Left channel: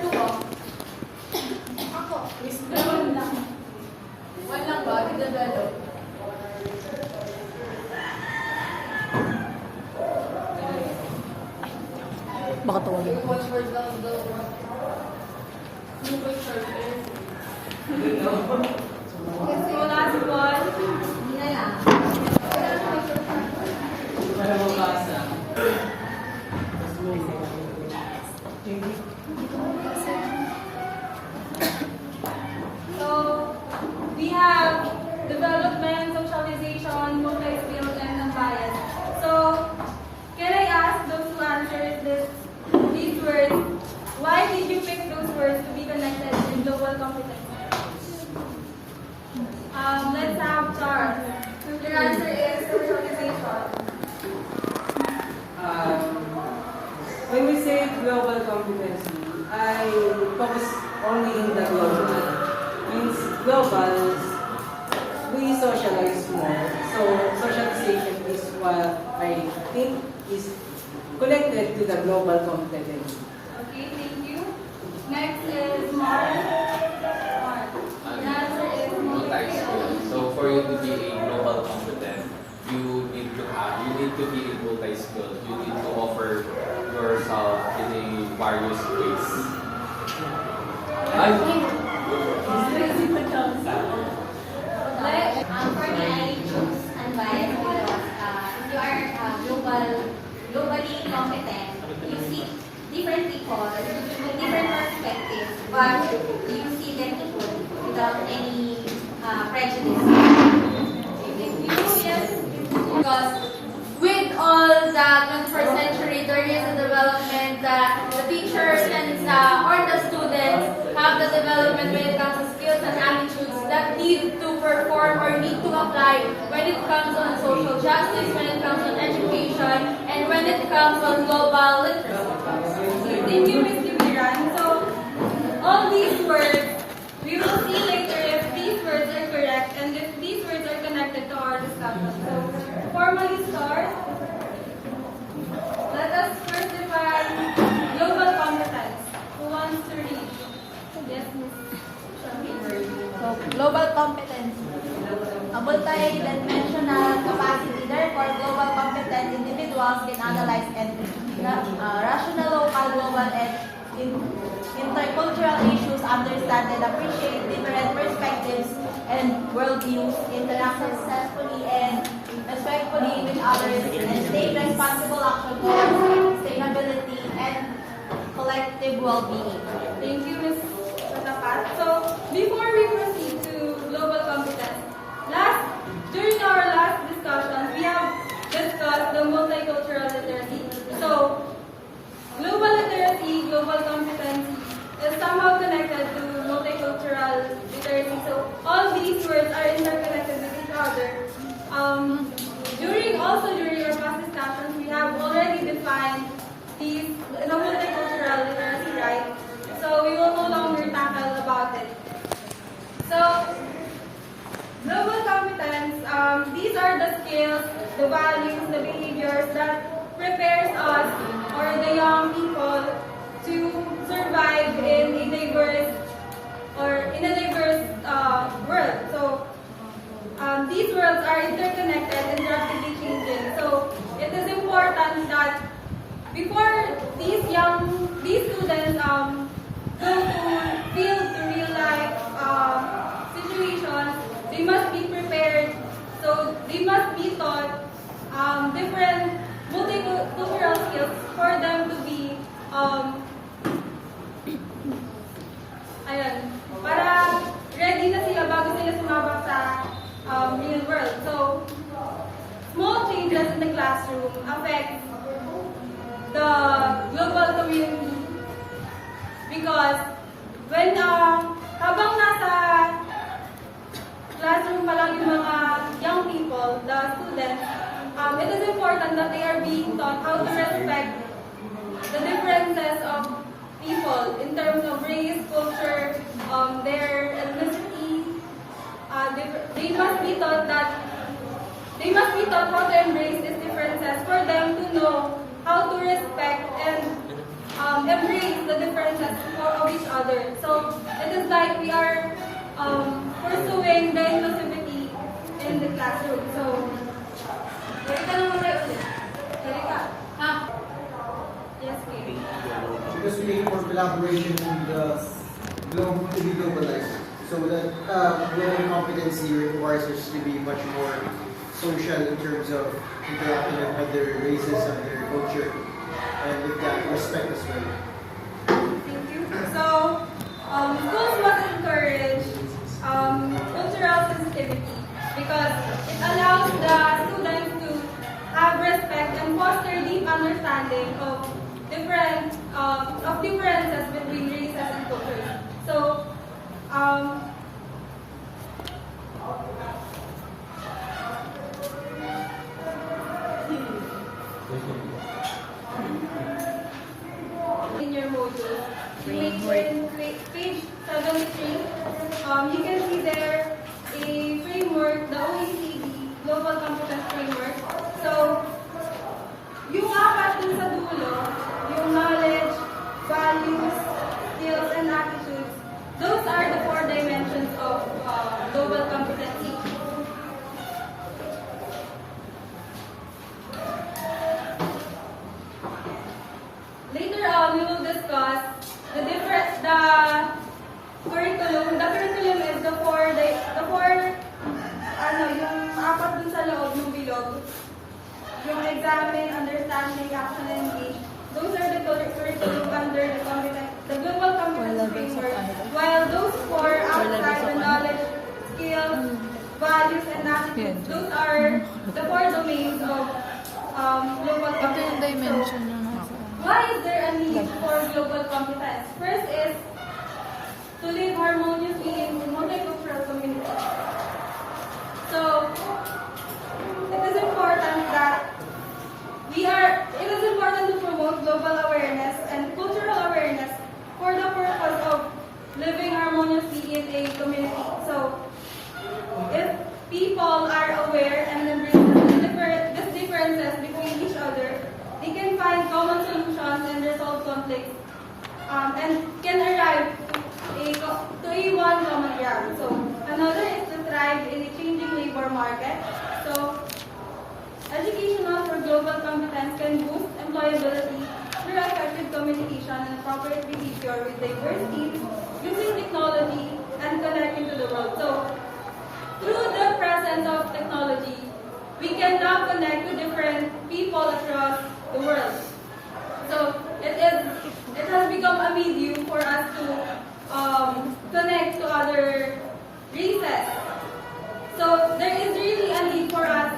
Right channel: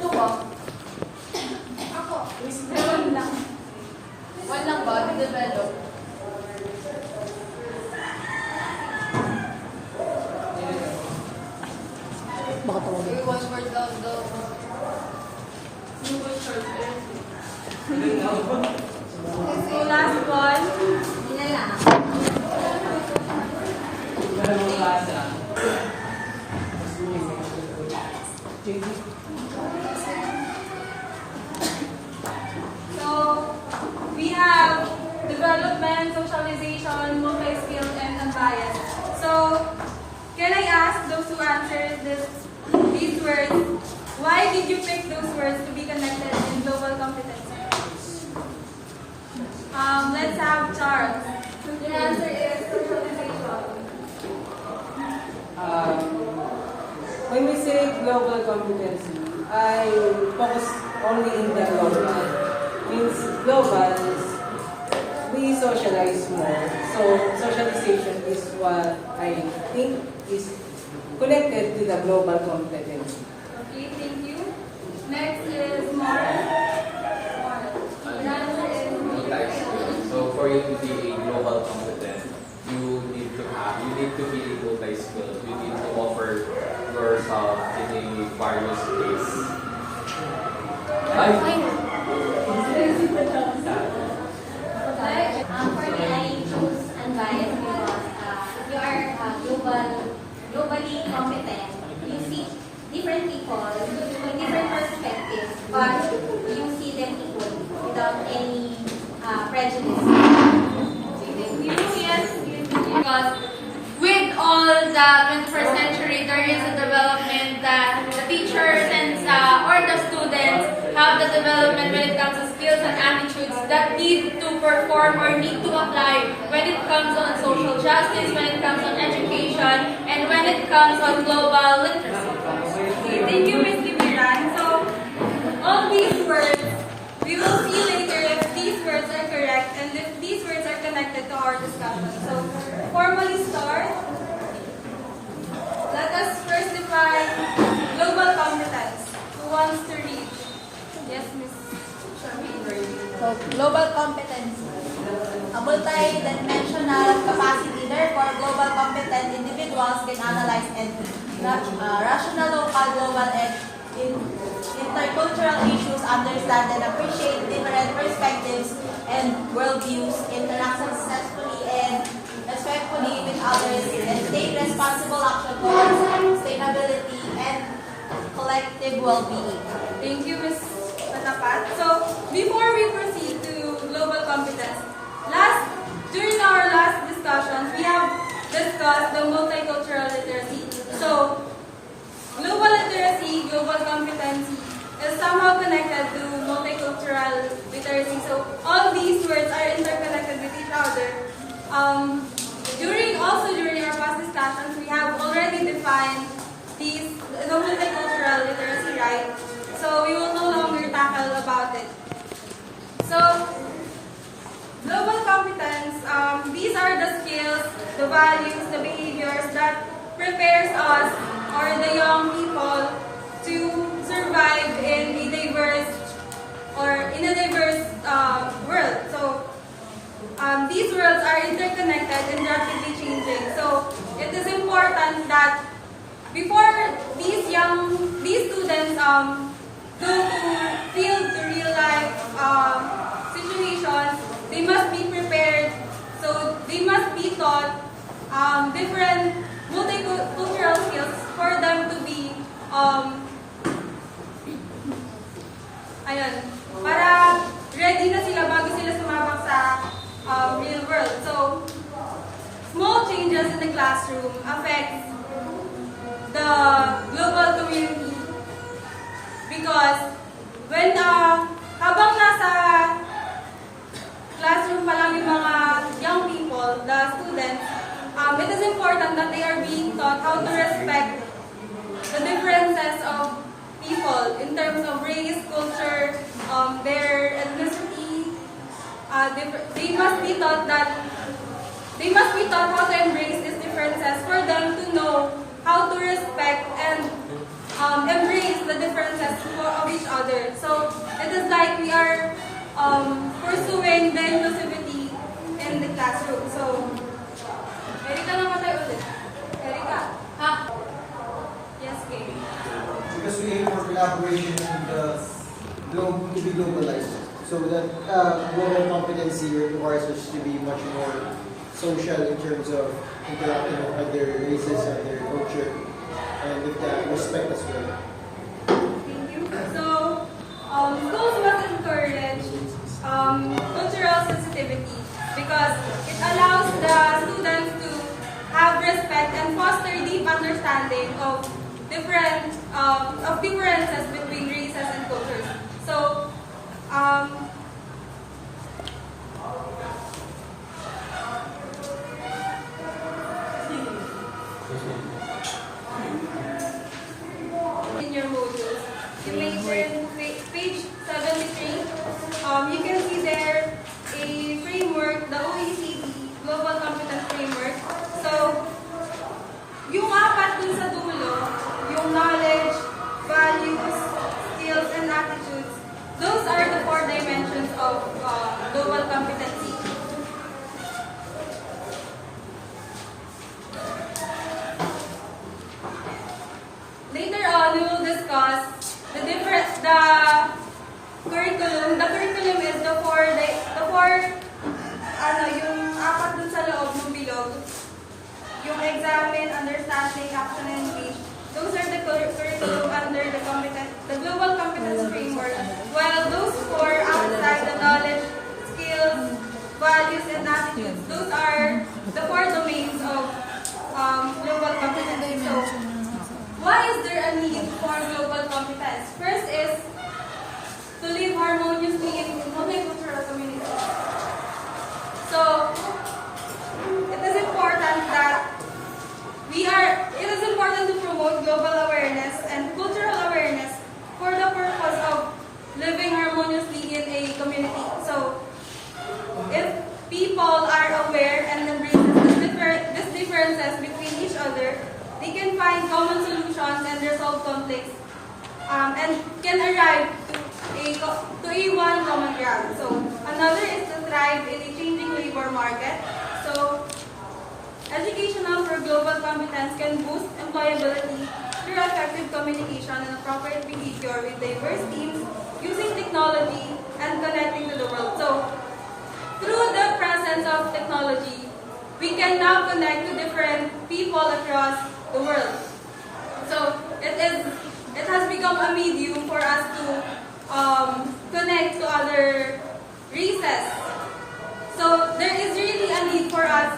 2 ko. Ako. One lang. One lang ba? Develop. Baka tawagin. One word lang daw. So last one. Hindi na lang. So we have development, socialization, multi-skilled, and unbiased. So can I ask those who answered these words, why did you pick those words to be connected in global competence? Let's have Charles. Your answer is socialization. When we say global competency, I focus only in the global. Means global is we socialize more. So socialization is what I think is connected to the global competency. Okay, thank you. Next is Mark. Your answer is Multi-skill. So for you to be a global competent, you need to be a multi-skilled. You need to offer yourself in a various ways. For me, I choose unbiased because if you are globally competent, you see different people with different perspectives, but you see them equally without any prejudice. yes. Because with all the 21st century, there is a development that the teachers and or the students have the development when it comes to skills and attitudes that need to perform or need to apply when it comes on social justice, when it comes on education, and when it comes on global literacy. Okay, thank you, Ms. Kibiran. So, all these words, we will see later if these words are correct and if these words are connected to our discussion. So, formally start. Let us first define global competence. Who wants to read? Yes, Ms. So, global competence. A multi-dimensional capacity, therefore, global competent individuals can analyze and rational, local, global, and intercultural issues, understand and appreciate different perspectives and worldviews, interact successfully and respectfully with others, and take responsible action towards sustainability and collective well-being. Thank you, Ms. Patapat. So, before we proceed to global competence, during our last discussions, we have discussed the multicultural literacy. So, global literacy, global competency is somehow connected to multicultural literacy. So, all these words are interconnected with each other. During our past discussions, we have already defined the multicultural literacy, right? So we will no longer tackle about it. So global competence, these are the skills, the values, the behaviors that prepares us or the young people to survive in a diverse world. So these worlds are interconnected and rapidly changing. So it is important that before these students go to field to real life situations, they must be prepared. So they must be taught different multicultural skills for them to be para ready na sila bago sila sumabak sa real world. So, small changes in the classroom affect the global community because when habang nasa classroom pa lang yung mga young people, the students, it is important that they are being taught how to respect the differences of people in terms of race, culture, their ethnicity. They must be taught how to embrace these differences for them to know how to respect and embrace the differences of each other. So it is like we are pursuing the inclusivity in the classroom. So, Erika naman tayo ulit. Erika. Ha? Yes, Kay. Because we aim for collaboration and globe to be globalized. So that global competency requires us to be much more social in terms of interacting with other races, other culture, and with that respect as well. Thank you. So, schools must encourage cultural sensitivity because it allows the students to have respect and foster deep understanding of differences between races and cultures. So, in your modules, you make in page 73, you can see there a framework, the OECD Global Competence Framework. So, yung apat dun sa dulo, yung knowledge, values, skills, and attitudes, those are the 4 dimensions of global competency. Later on, we will discuss the curriculum. The curriculum is yung apat dun sa loob ng bilog. Yung examine, understanding, action, and engage. Those are the curriculum under the global competence framework. While those 4 outside the knowledge, skills, values, and attitudes, those are the 4 domains of global competence. So, why is there a need for global competence? First is to live harmoniously in multicultural communities. So, it is important to promote global awareness and cultural awareness for the purpose of living harmoniously in a community. So, if people are aware and embrace these differences between each other, they can find common solutions and resolve conflicts, and can arrive to a one common ground. So another is to thrive in a changing labor market. So educational for global competence can boost employability through effective communication and appropriate behavior with diverse teams, using technology and connecting to the world. So through the presence of technology, we can now connect to different people across the world. So it has become a medium for us to connect to other races. So there is really a need for us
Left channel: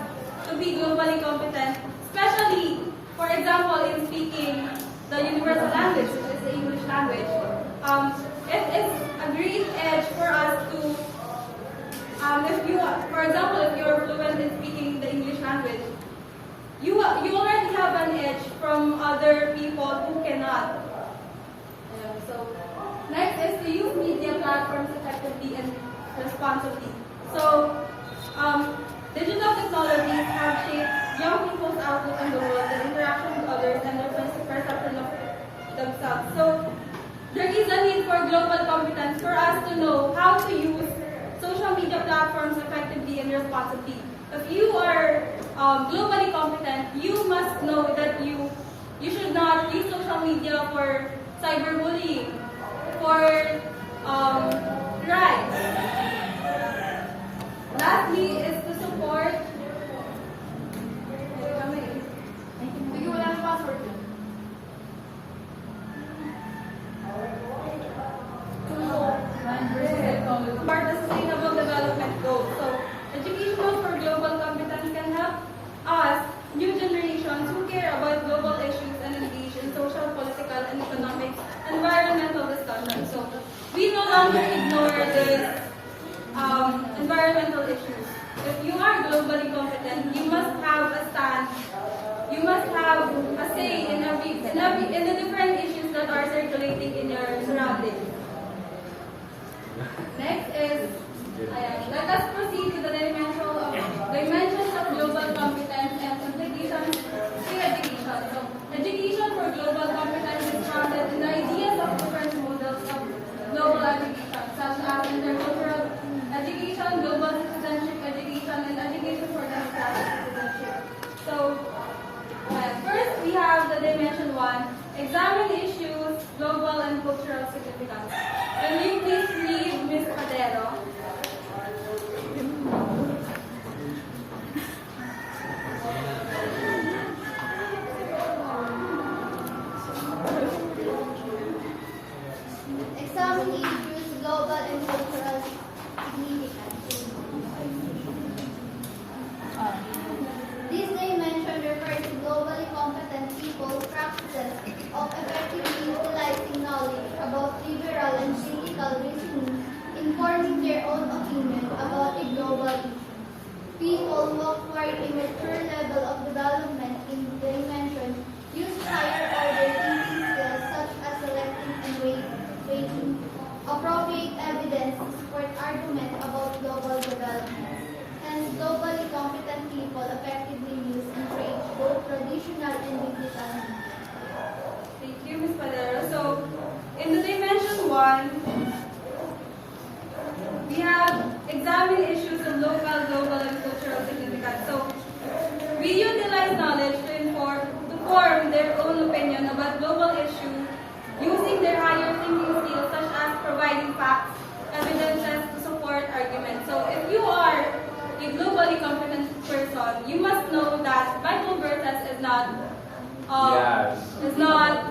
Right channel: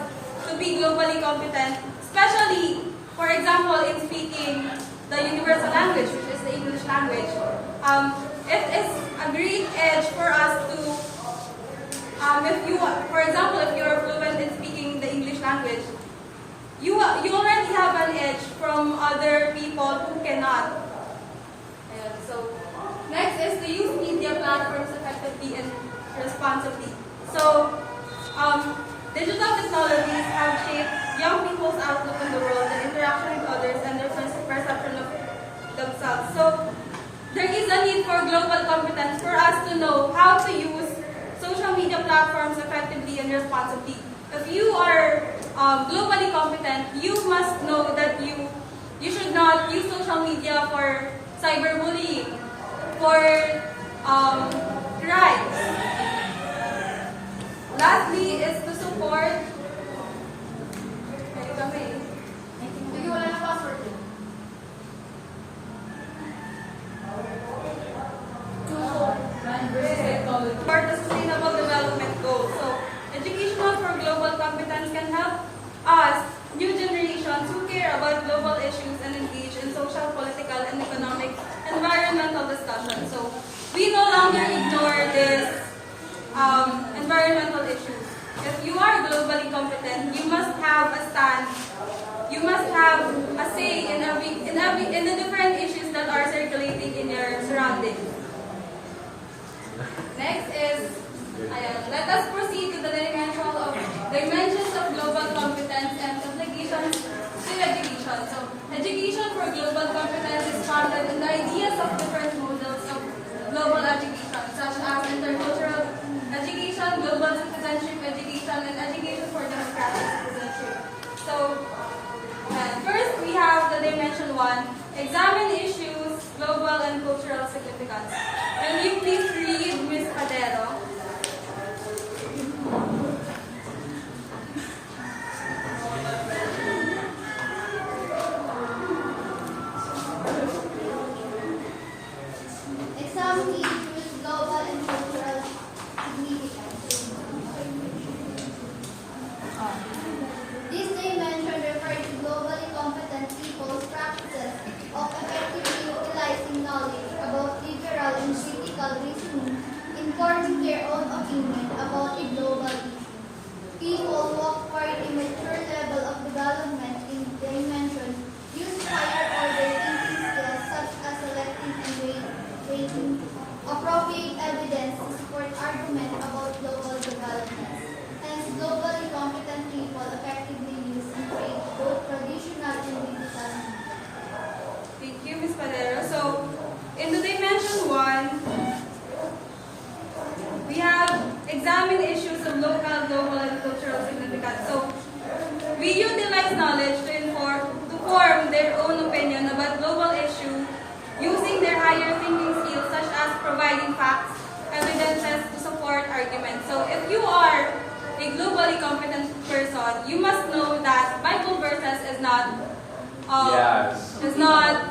to be globally competent, especially, for example, in speaking the universal language, which is the English language. It is a great edge for us to, for example, if you are fluent in speaking the English language, you already have an edge from other people who cannot. So next is to use media platforms effectively and responsibly. So digital technologies have shaped young people's outlook on the world, their interaction with others, and their perception of themselves. So there is a need for global competence for us to know how to use social media platforms effectively and responsibly. If you are globally competent, you must know that you should not use social media for cyberbullying, for crimes. Lastly is to support. Sige, wala na password. For the Sustainable Development Goals. So, educational for global competence can help us, new generations who care about global issues and engage in social, political, and economic, environmental discussions. So, we no longer ignore this environmental issues. If you are globally competent, you must have a stand. You must have a say in the different issues that are circulating in your surroundings. Next is, let us proceed to the dimensions of global competence and implications in education. So, education for global competence is founded significance. Will you please read Ms. Padero? Examine issues, global and cultural significance. This dimension refers to globally competent people's practices of effectively utilizing knowledge about liberal and critical reasoning in forming their own opinion about a global issue. People who acquire a mature level of development in dimension use higher order thinking skills such as selecting and weighing appropriate evidence to support argument about global development. Hence, globally competent people effectively use and create both traditional and digital media. Thank you, Ms. Padero. So, in the dimension 1, we have examine issues of local, global, and cultural significance. So, we utilize knowledge to form their own opinion about global issue using their higher thinking skills such as providing facts, evidences to support arguments. So, if you are a globally competent person, you must know that Bible verses is not Yes. is not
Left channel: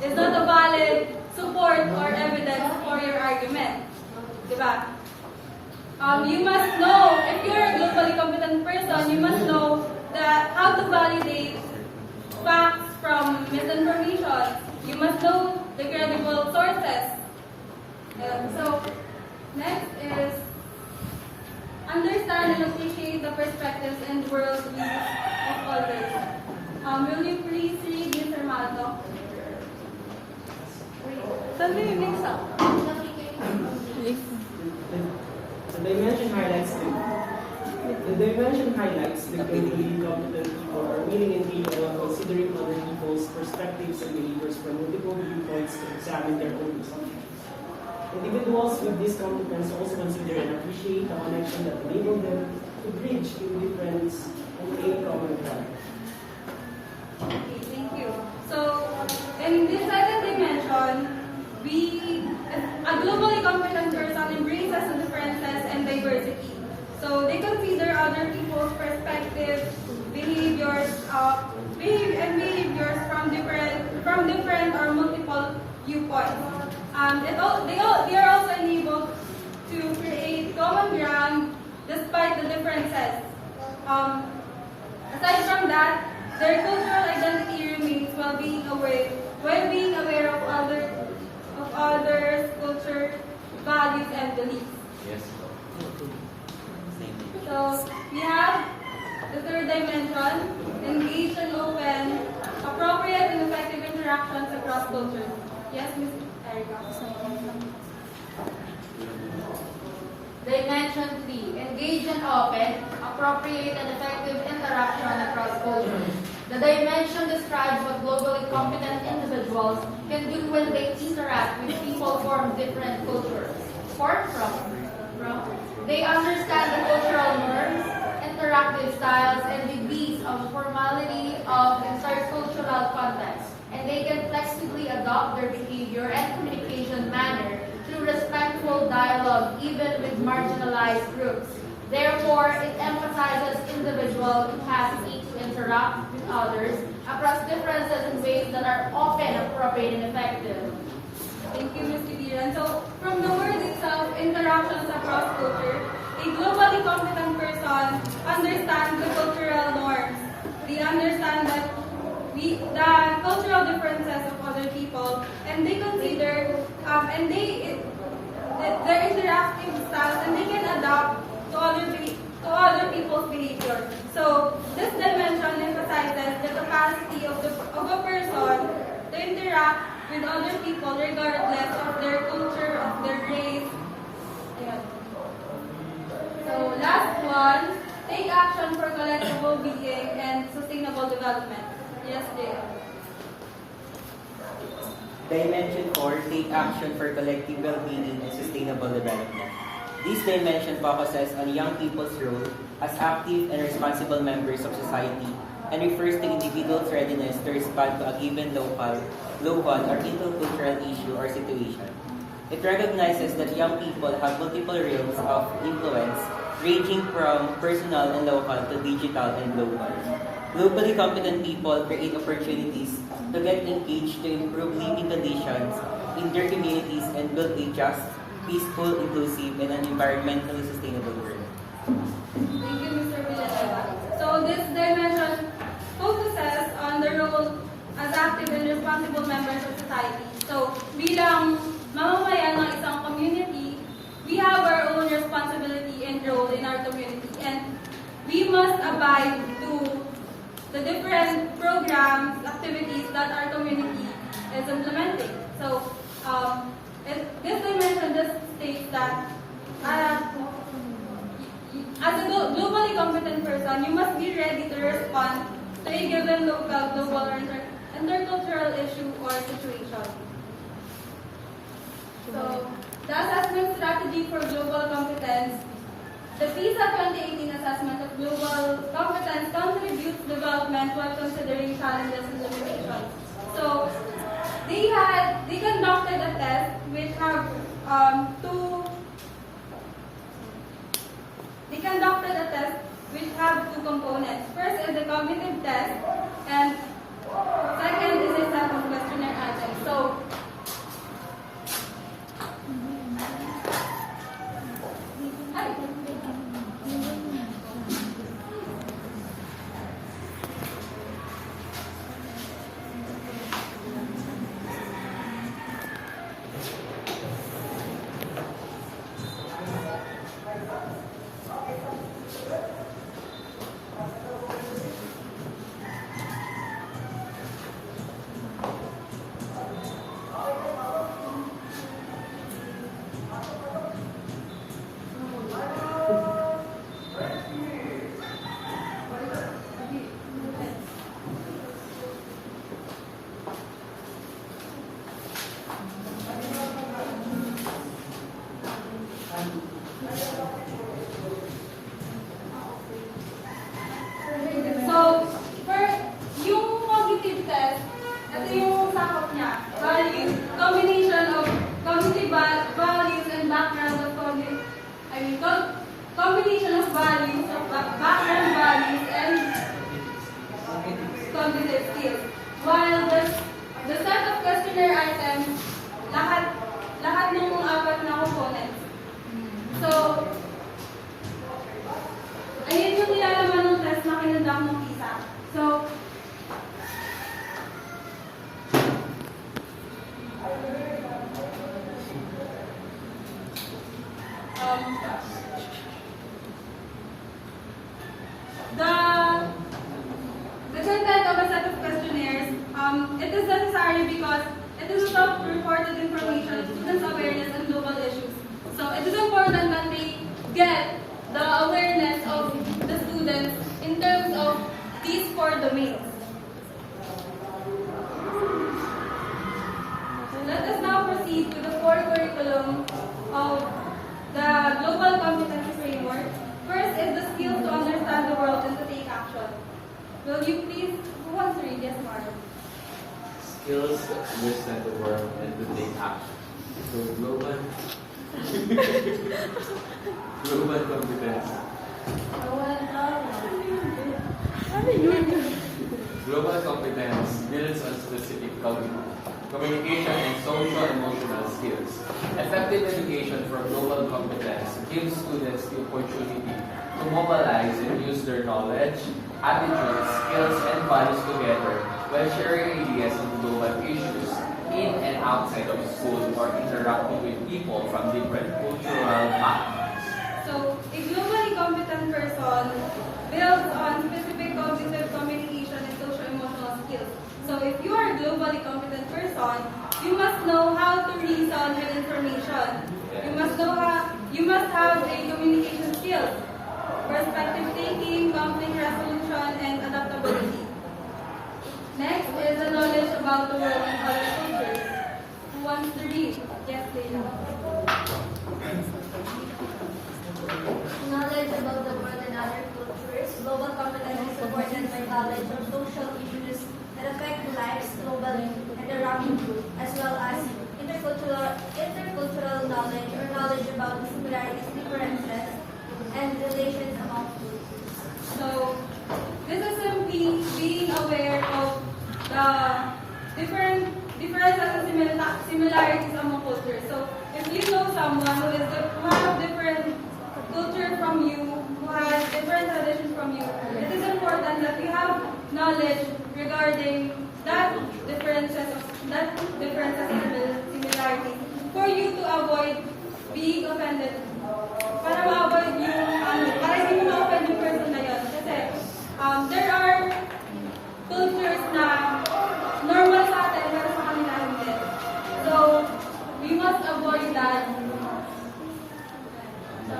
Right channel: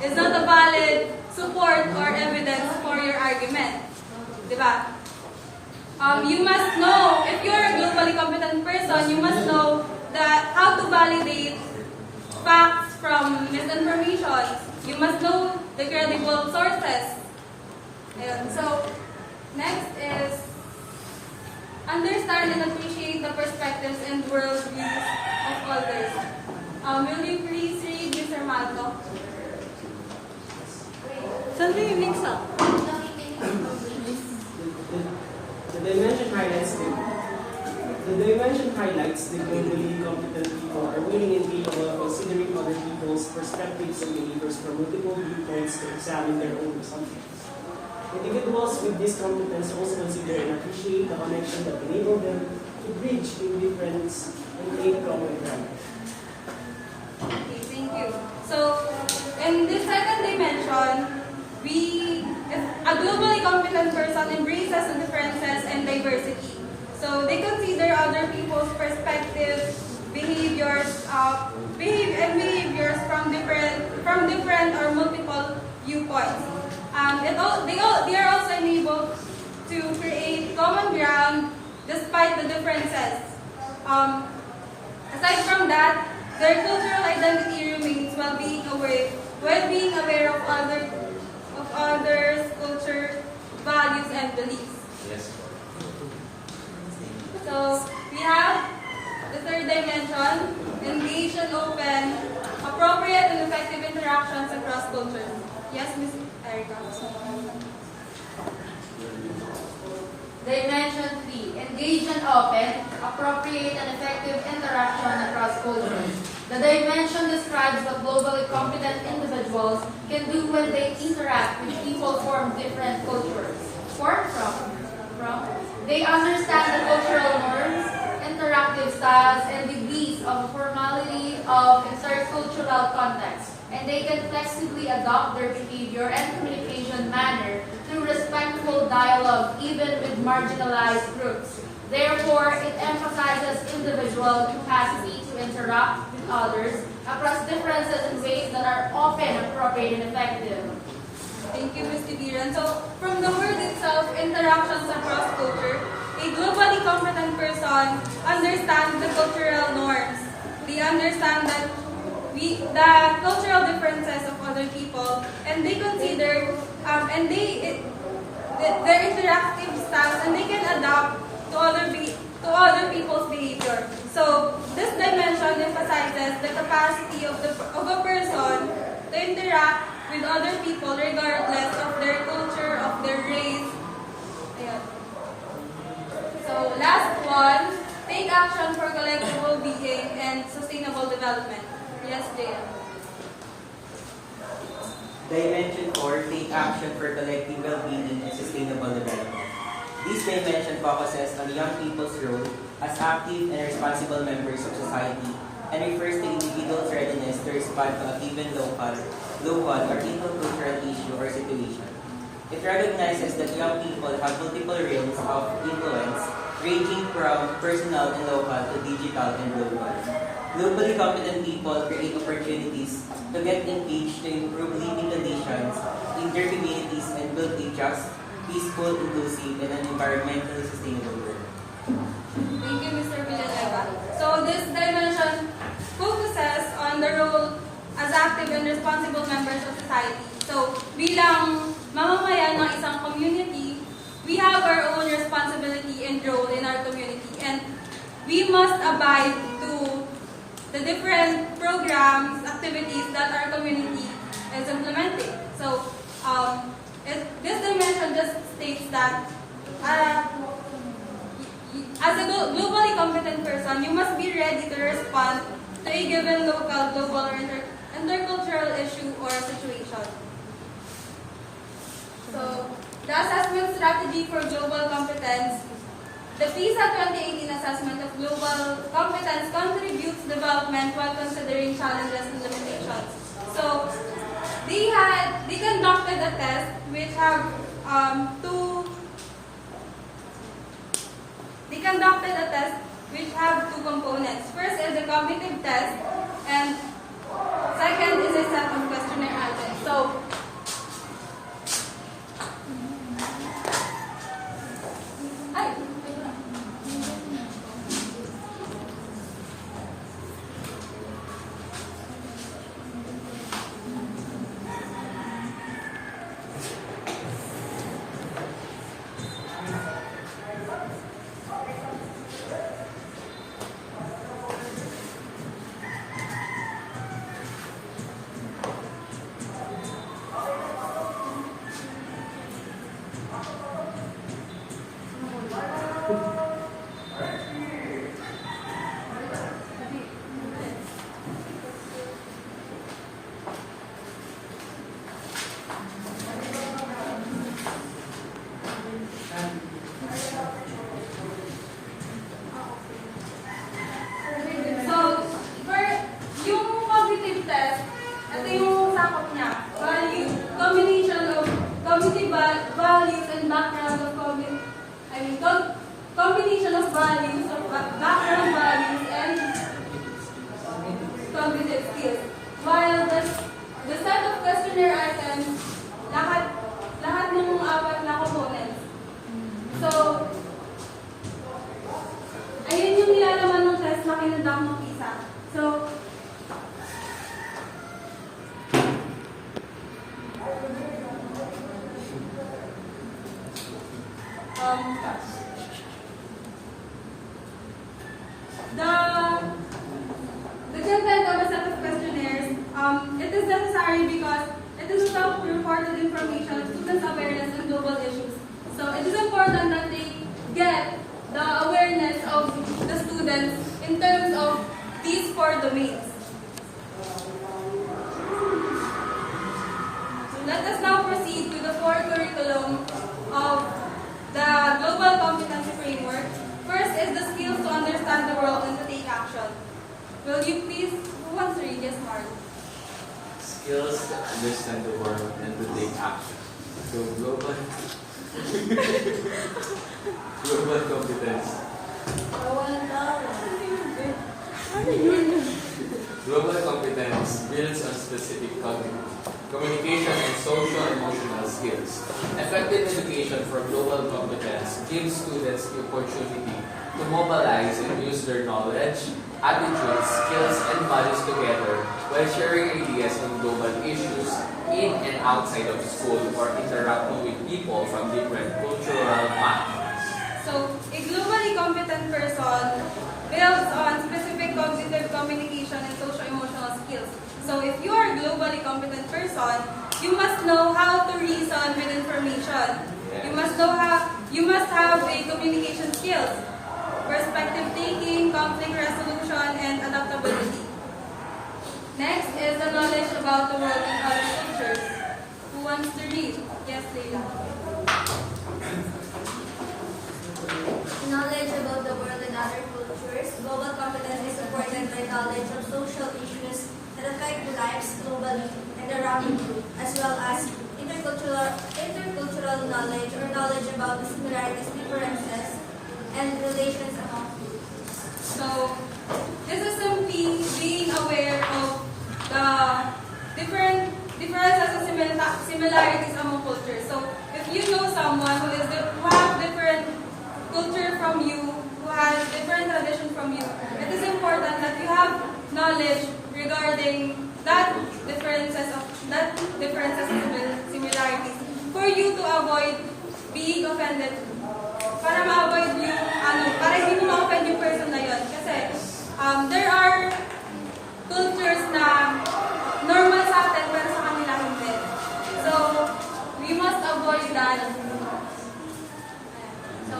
a valid support or evidence for your argument. Diba? You must know, if you're a globally competent person, you must know that how to validate facts from misinformation. You must know the credible sources. Ayun. So, next is understand and appreciate the perspectives and worldviews of others. Will you please read Mr. Malco? Something you mix up. The dimension highlights the globally competent people are willing and capable of considering other people's perspectives and behaviors from multiple viewpoints to examine their own assumptions. Individuals with this competence also consider and appreciate the connection that enable them to bridge indifference and create common ground. Okay, thank you. So, in this second dimension, a globally competent person embraces the differences and diversity. So, they consider other people's perspectives, behaviors from different or multiple viewpoints. They are also enabled to create common ground despite the differences. Aside from that, their cultural identity remains while being aware of others' culture, values, and beliefs. Yes. So we have the third dimension: engage and open, appropriate and effective interactions across cultures. Yes, Ms. Erica. Dimension 3, engage and open, appropriate and effective interaction across cultures. The dimension describes what globally competent individuals can do when they interact with people from different cultures. They understand the cultural norms, interactive styles, and degrees of formality of intercultural context, and they can flexibly adopt their behavior and communication manner through respectful dialogue even with marginalized groups. Therefore, it emphasizes individual capacity to interact with others across differences in ways that are often appropriate and effective. Thank you, Ms. Tibiran. So, from the word itself, interactions across culture, a globally competent person understands the cultural norms. They understand that the cultural differences of other people, and they consider their interactive styles, and they can adapt to other people's behavior. So this dimension emphasizes the capacity of a person to interact with other people regardless of their culture, of their race. Yeah. So last one, take action for collective well-being and sustainable development. Yes, Jaya. Dimension 4, take action for collective well-being and sustainable development. This dimension focuses on young people's role as active and responsible members of society and refers to individuals' readiness to respond to a given local or intercultural issue or situation. It recognizes that young people have multiple realms of influence, ranging from personal and local to digital and global. Globally competent people create opportunities to get engaged to improve living conditions in their communities and build a just, peaceful, inclusive, and an environmentally sustainable world. Thank you, Mr. Villanueva. So this dimension focuses on the role as active and responsible members of society. So bilang mamamayan ng isang community, we have our own responsibility and role in our community, and we must abide to the different programs, activities that our community is implementing. So this dimension just states that as a globally competent person, you must be ready to respond to a given local, global, or intercultural issue or situation. So, the assessment strategy for global competence, the PISA 2018 assessment of global competence contributes development while considering challenges and limitations. So, they conducted a test which have two components. First is the cognitive test, and second is a set of questionnaire items. So, combination of values, background values, and cognitive skills. While the set of questionnaire items, lahat ng mga apat na components. So, ayun yung nilalaman ng test na kinundak ng PISA. So, the content of a set of questionnaires, it is necessary because it is a self-reported information of students' awareness on global issues. So it is important that they get the awareness of the students in terms of these 4 domains. So let us now proceed to the 4 curriculum of the Global Competency Framework. First is the skills to understand the world and to take action. Will you please, who wants to read? Yes, Mark. Skills to understand the world and to take action. So global competence. Global competence builds on specific cognitive, communication, and social-emotional skills. Effective education for global competence gives students the opportunity to mobilize and use their knowledge, attitudes, skills, and values together while sharing ideas on global issues in and outside of school or interacting with people from different cultural backgrounds. So, a globally competent person builds on specific cognitive, communication, and social-emotional skills. So, if you are a globally competent person, you must know how to reason with information. You must have a communication skills, perspective taking, conflict resolution, and adaptability. Next is the knowledge about the world and other cultures. Who wants to read? Yes, Leila. Knowledge about the world and other cultures. Global competence is supported by knowledge of social issues that affect the lives globally and around the globe, as well as intercultural knowledge or knowledge about the similarities, differences, and relations among groups. So, this is simply being aware of the differences and similarities among cultures. So, if you know someone who have different culture from you, who has different tradition from you, it is important that you have knowledge regarding that differences and similarities for you to avoid being offended. Para ma-avoid yung para hindi mo ma-offend yung person na yun. Kasi there are cultures na normal sa atin pero sa kanila hindi. So, we must avoid that. So,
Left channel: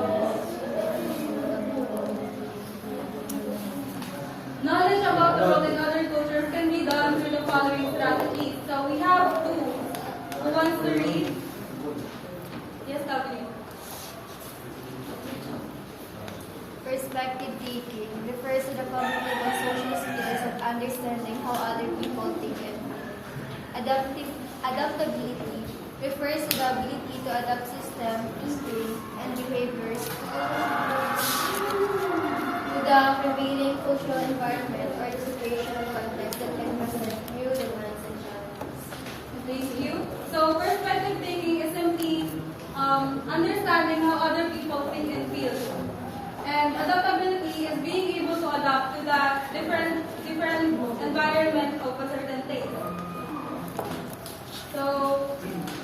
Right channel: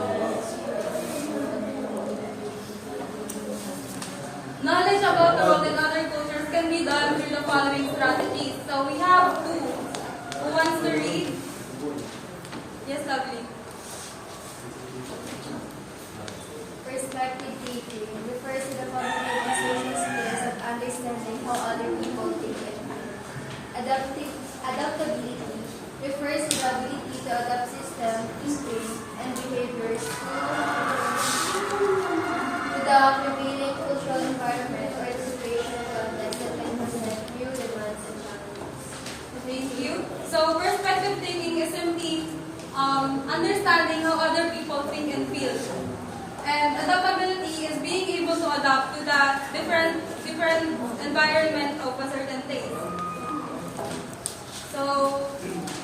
knowledge about the world in other cultures can be done through the following strategies. So, we have two. Who wants to read? Yes, lovely. Perspective taking refers to the cognitive and social skills of understanding how other people think and feel. Adaptability refers to the ability to adapt systems, instincts, and behaviors to the prevailing cultural environment or the situational context that can present new demands and challenges. Thank you. So, perspective taking is simply understanding how other people think and feel. And adaptability is being able to adapt to the different environment of a certain place. So,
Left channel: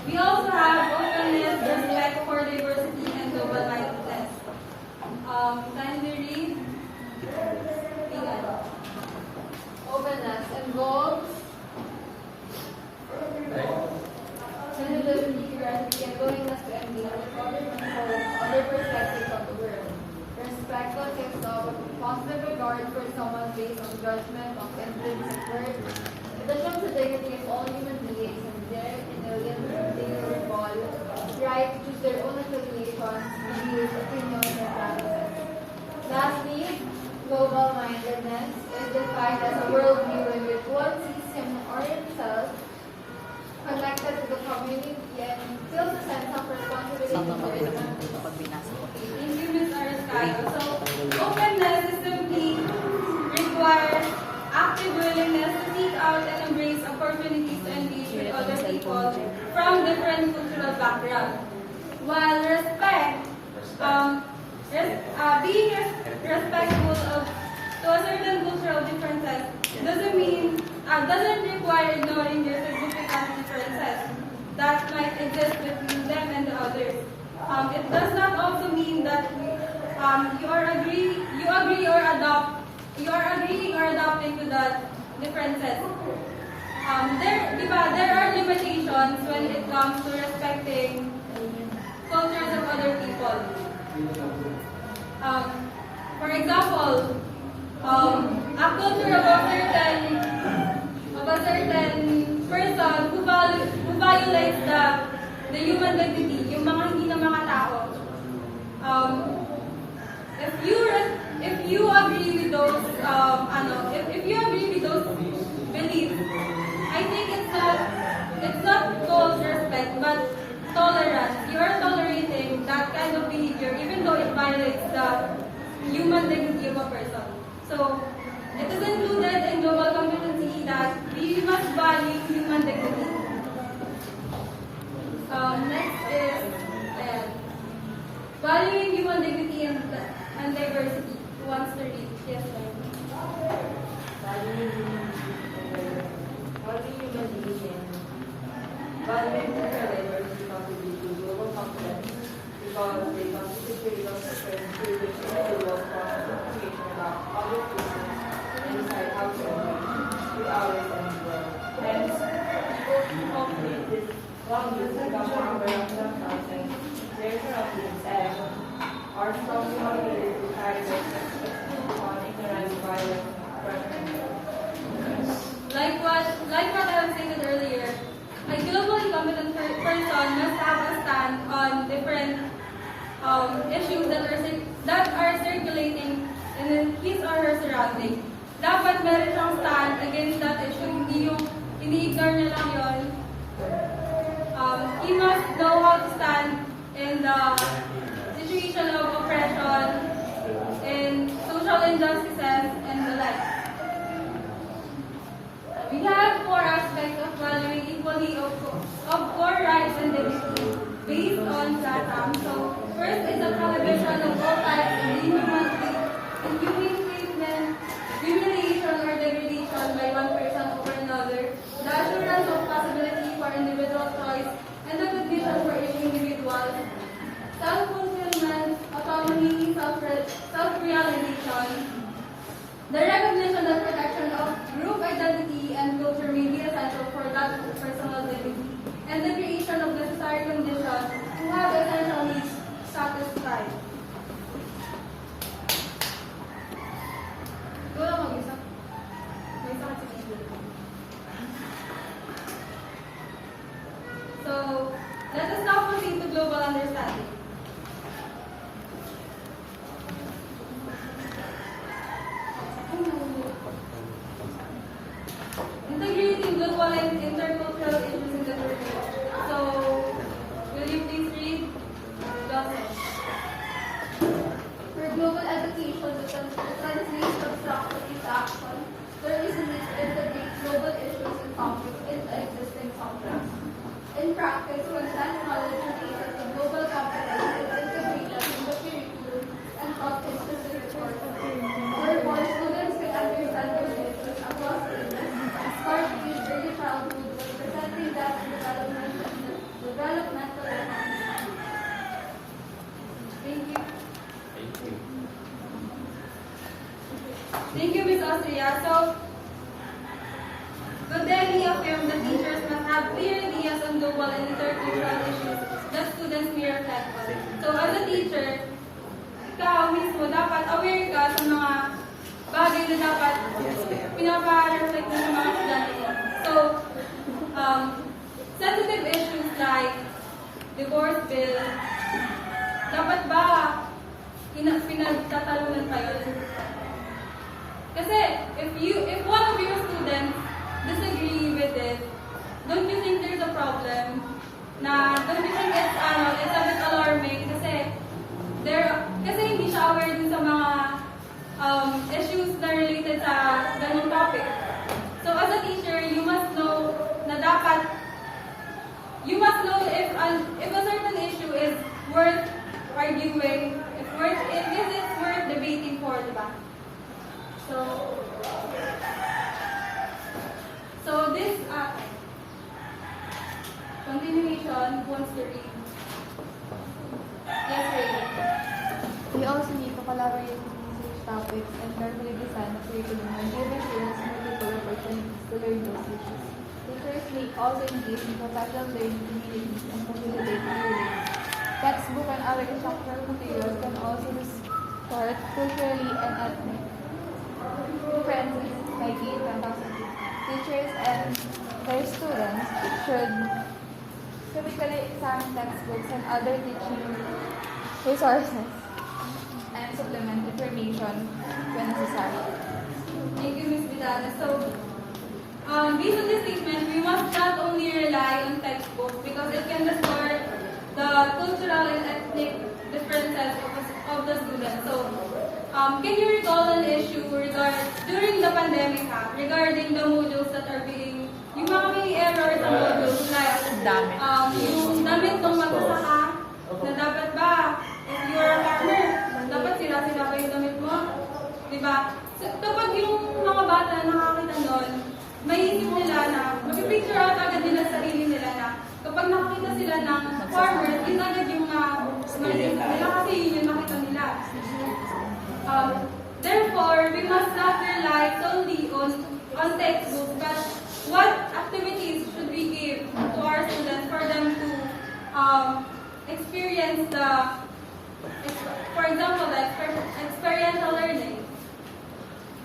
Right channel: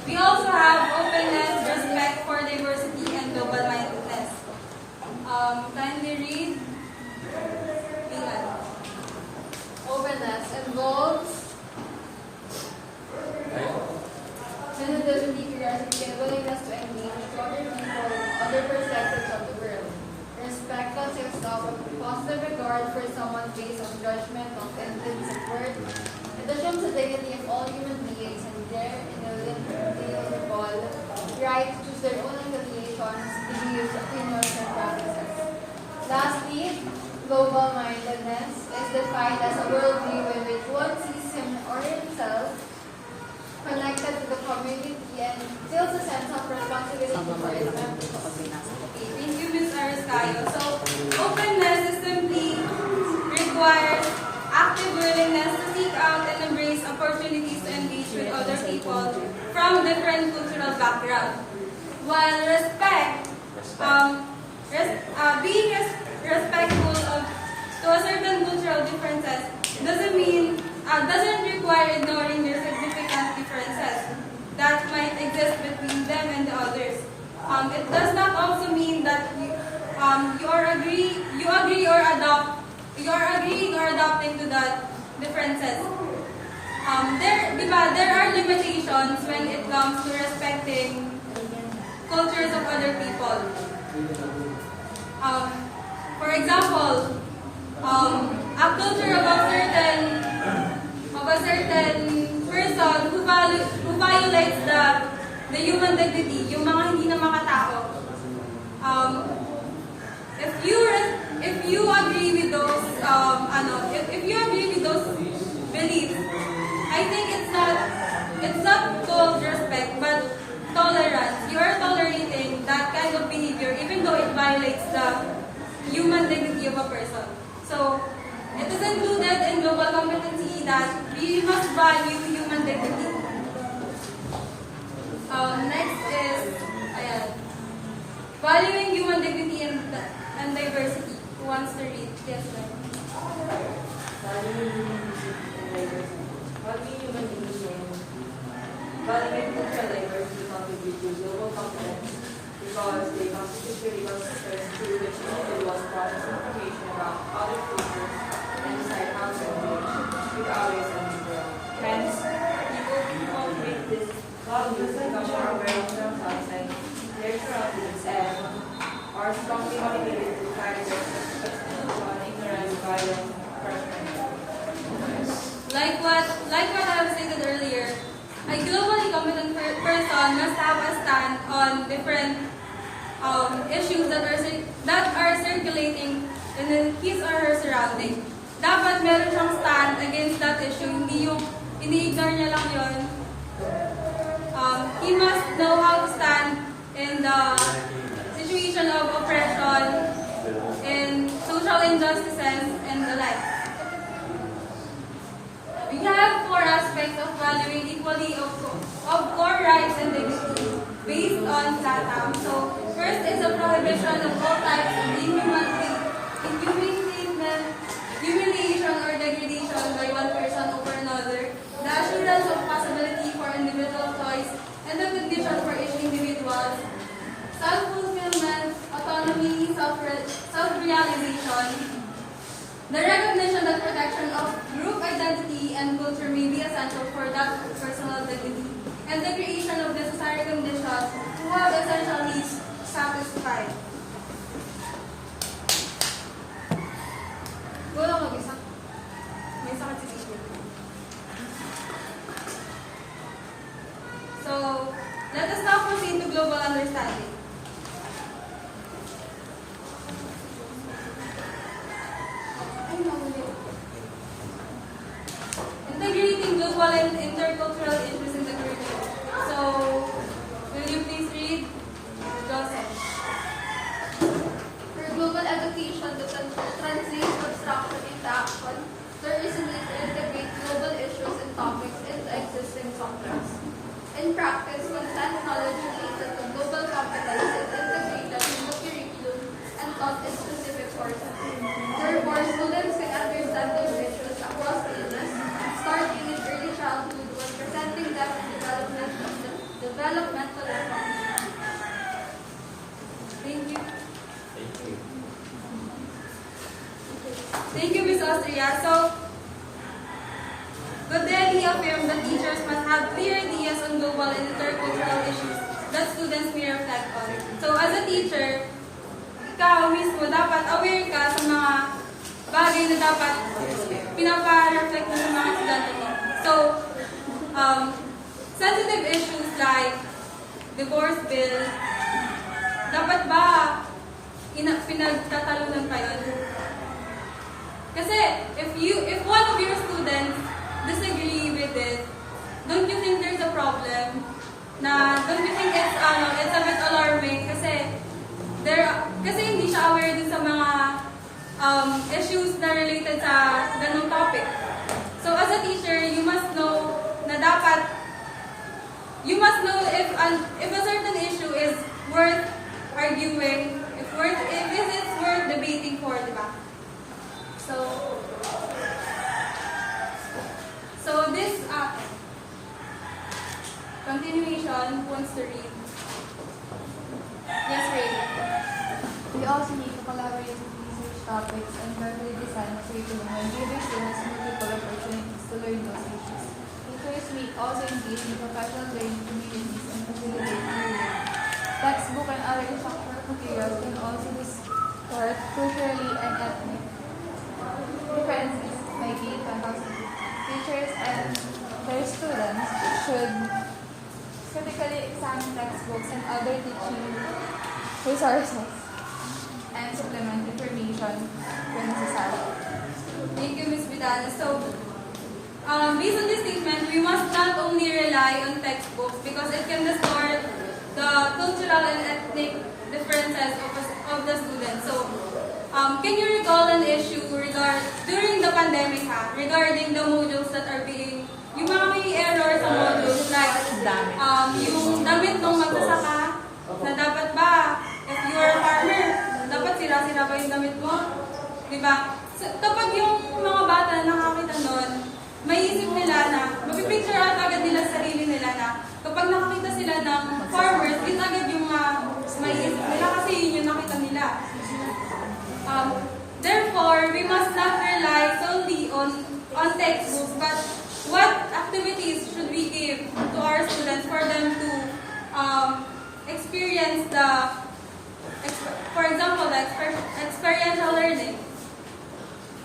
we also have openness, respect for diversity, and global-mindedness. Kindly read. Lian. Openness involves sensitivity, curiosity, and willingness to engage with other people, other perspectives of the world. Respect consists of positive regard for someone based on judgment of feelings of worth. It assumes the dignity of all human beings and their inalienable right to choose their own affiliations, beliefs, opinions, and practices. Lastly, global-mindedness is defined as a worldview in which one sees him or himself connected to the community and feels a sense of responsibility for its members. Thank you, Ms. Arascayo. So, openness is simply requires active willingness to seek out and embrace opportunities to engage with other people from different cultural backgrounds. While being respectful to a certain cultural differences doesn't require ignoring their significant differences that might exist between them and the others. It does not also mean that you are agreeing or adopting to the differences. There are limitations when it comes to respecting cultures of other people. For example, a culture of a certain person who violates the human dignity, yung mga hindi na mga tao. If you agree with those if you agree with those beliefs, I think it's not called respect but tolerance. You are tolerating that kind of behavior even though it violates the human dignity of a person. So it is included in global competency that we must value human dignity. Next is valuing human dignity and diversity. Who wants to read? Yes, ma'am. Valuing cultural diversity contribute to global competence because they constitute critical systems through which individuals process information about other cultures and decide how to engage with others and the world. Hence, people who cultivate this values become more aware of themselves and their surroundings and are strongly motivated to try to expand upon ignorance, violence, Like what I have stated earlier, a globally competent person must have a stand on different issues that are circulating in his or her surrounding. dapat meron siyang stand against that issue, hindi yung ini-ignore niya lang yun. He must know how to stand in the situation of oppression, in social injustices, and the like. We have 4 aspects of valuing equally of core rights and dignity based on LATAM. So, first is a prohibition of all types of inhumane treatment, humiliation, or degradation by one person over another, the assurance of possibility for individual choice, and the condition for each individual, self-fulfillment, autonomy, self-realization, the recognition that protection of group identity and culture may be essential for that personal dignity, and the creation of necessary conditions to have essential needs satisfied. Go lang mag-isa. May sakit si Steve. So, let us now proceed to global understanding. Integrating global and intercultural issues in the curriculum. So, will you please read? Joseph. For global education to translate abstraction into action, there is a need to integrate global issues and topics into existing subjects. In practice, content knowledge related to global competence is integrated in the curriculum and taught in specific courses. Therefore, students can understand those issues across ages, starting in early childhood when presenting them in developmental economy. Thank you. Thank you, Ms. Austria. So, Godelli affirmed that teachers must have clear ideas on global and intercultural issues that students may reflect on. So, as a teacher, ikaw mismo dapat aware ka sa mga bagay na dapat pinapa-reflect mo sa mga estudyante mo. So, sensitive issues like divorce bill, dapat ba pinagtatalunan pa yun? Kasi if one of your students disagree with it, don't you think there's a problem? Don't you think it's a bit alarming kasi hindi siya aware dun sa mga issues na related sa ganung topic. So as a teacher, you must know if a certain issue is worth arguing, if it's worth debating for, di ba? So this continuation wants to read. Yes, Ray. We also need to collaborate with research topics and carefully design curriculum and giving students multiple opportunities to learn those issues. Teachers may also engage in professional learning communities and facilitate learning. Textbook and other instructional materials can also be taught culturally and ethnic. Differences may be capacity. Teachers and their students should critically examine textbooks and other teaching resources and supplement information when necessary. Thank you, Ms. Vidal. So, based on this statement, we must not only rely on textbooks because it can distort the cultural and ethnic differences of the students. So, can you recall an issue during the pandemic regarding the modules that are being, yung mga may error sa modules like yung damit ng magsasaka na dapat ba, if you are a farmer, dapat sira-sira ba yung damit mo? Diba? So, kapag yung mga bata na nakakita nun, maiisip nila na, mapipicture out agad nila sa sarili nila na kapag nakakita sila ng farmers, yun agad yung maiisip nila kasi yun yung nakita nila. Therefore, we must not rely solely on textbooks, but what activities should we give to our students for them to experience for example, the experiential learning?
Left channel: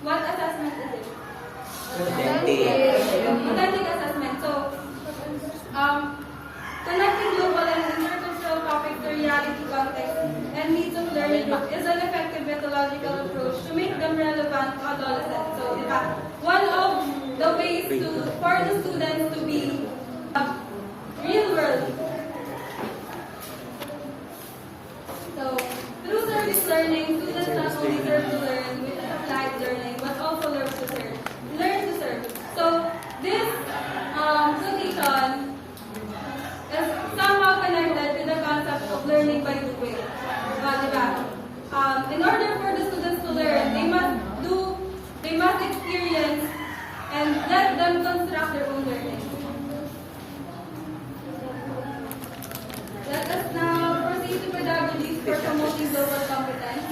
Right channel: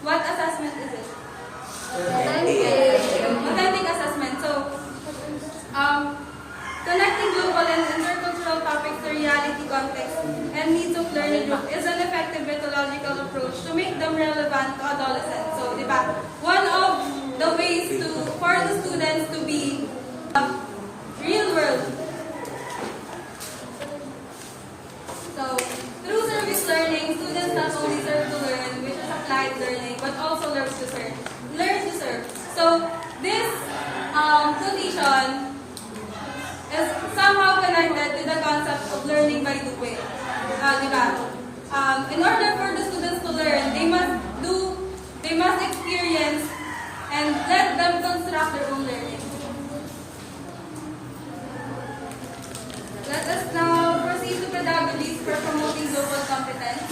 What assessment is it? Authentic assessment. So, connecting global and intercultural topics to reality context and needs of learning group is an effective methodological approach to make them relevant to adolescents. So, di ba, one of the ways for the students to be real world. So, through service learning, students not only serve to learn, which is applied learning, but also learn to serve. So, this condition is somehow connected to the concept of learning by doing. Diba? In order for the students to learn, they must experience and let them construct their own learning. Let us now proceed to pedagogies for promoting global competence.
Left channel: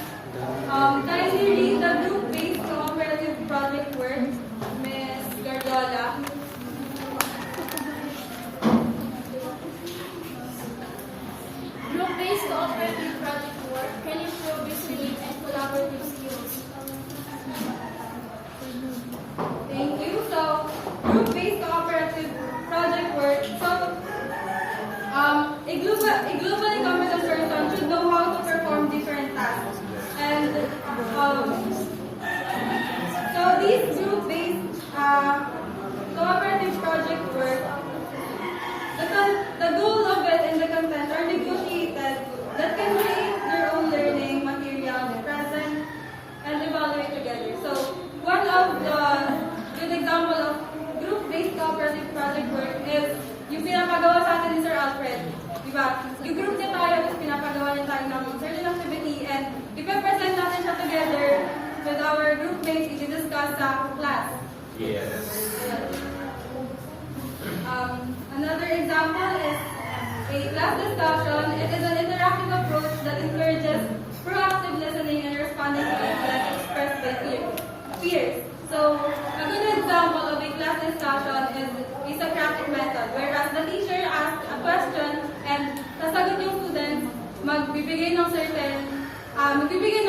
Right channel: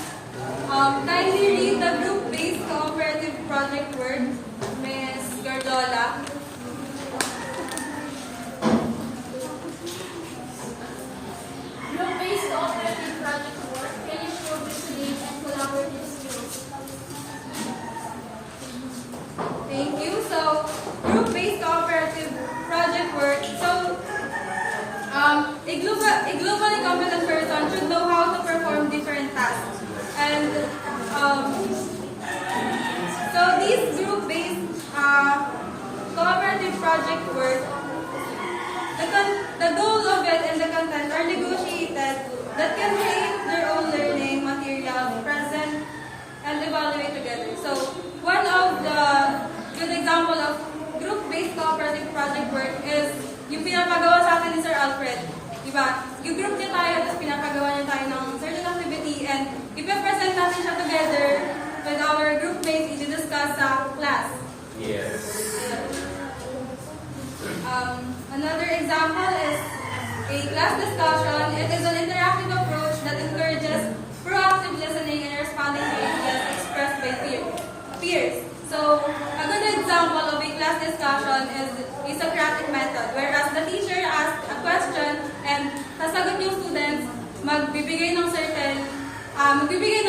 Kindly read the group-based cooperative project work, Ms. Gardola. Group-based cooperative project work can ensure resilient and collaborative skills. Thank you. So, group-based cooperative project work. So, a globally competent person should know how to perform different tasks. And so these group-based cooperative project work, the goal of it and the content are negotiated that can create their own learning material, present, and evaluate together. So one of the good example of group-based cooperative project work is yung pinapagawa sa atin ni Sir Alfred. Diba? Yung-group niya tayo, tapos pinapagawa niya tayo ng certain activity, and ipe-present natin siya together with our group mates, i-discuss sa class. Yes. Another example is a class discussion. It is an interactive approach that encourages proactive listening and responding to ideas expressed by peers. So, a good example of a class discussion is a Socratic method, whereas the teacher asks a question and sasagot yung students, magbibigay ng